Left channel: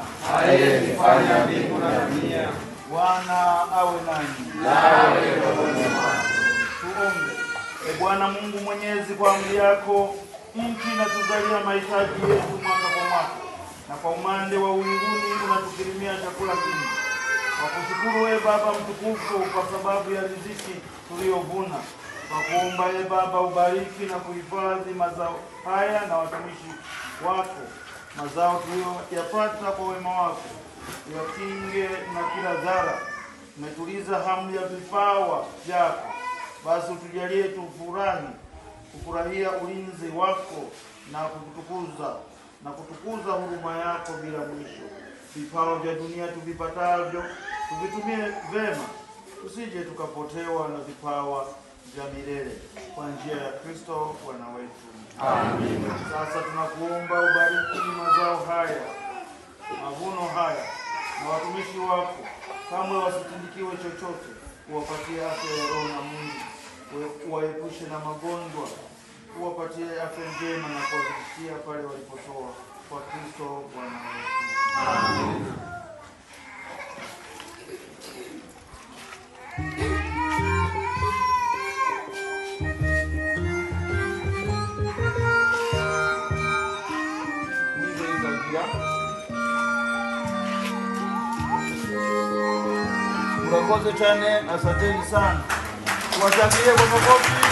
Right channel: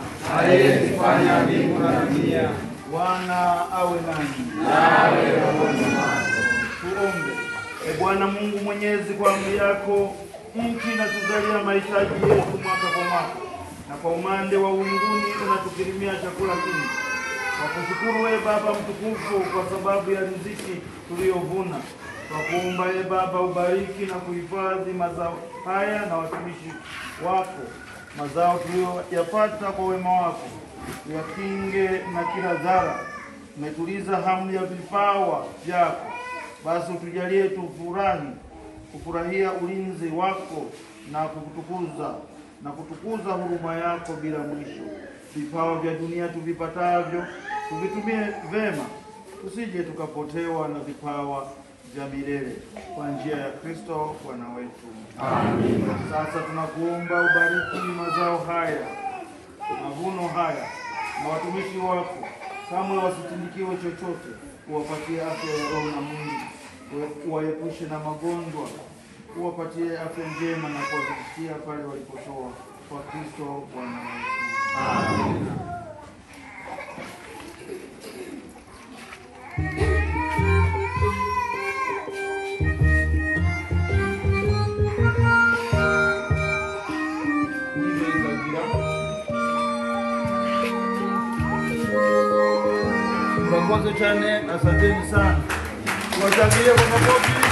Bwana aliyezifanya mbingu na dunia. Bwana awe nanyi. Nawe pamoja nako. Tuombe. Bwana Mungu Mwenyezi, kwa amri yako nchi inatuzalia mahitaji yetu mwaka kwa mwaka, na kwa umande wa ulimwenguni unatukirimia chakula kingi. Kwa kushukuru Baba mtukufu kwa sababu ya riziki tuliyovuna, kwa kuomba Baba ubariki na kuhifadhi mazao haya na watumishi wako, mazao tuliyoyapata kwa wema wako, uyakinge na kila dhara. Umetuliza hamu ya vipawa vyako, basi utujalie kufurahia ulinzi wako na kutukuza huruma yako bila mwisho. Vipawa vya dunia tuvipatavyo tuvitumie vema, tusije tukapotewa na vipawa vya milele, kwa njia ya Kristo Bwana wetu. Amen. Sasa tunakuomba ubariki mazao haya, mavuno haya, na watumishi wako, kamwe wasitindikiwe chochote. Uwapatie afya ya roho na mwili, uwaepushe na magonjwa, uwapatie afya njema na kuwafikishia pale walipotoa, kwa Kristo Bwana wetu. Amen. Mbakoze chane, asanteni sana. Tuwachangie kwa makofi.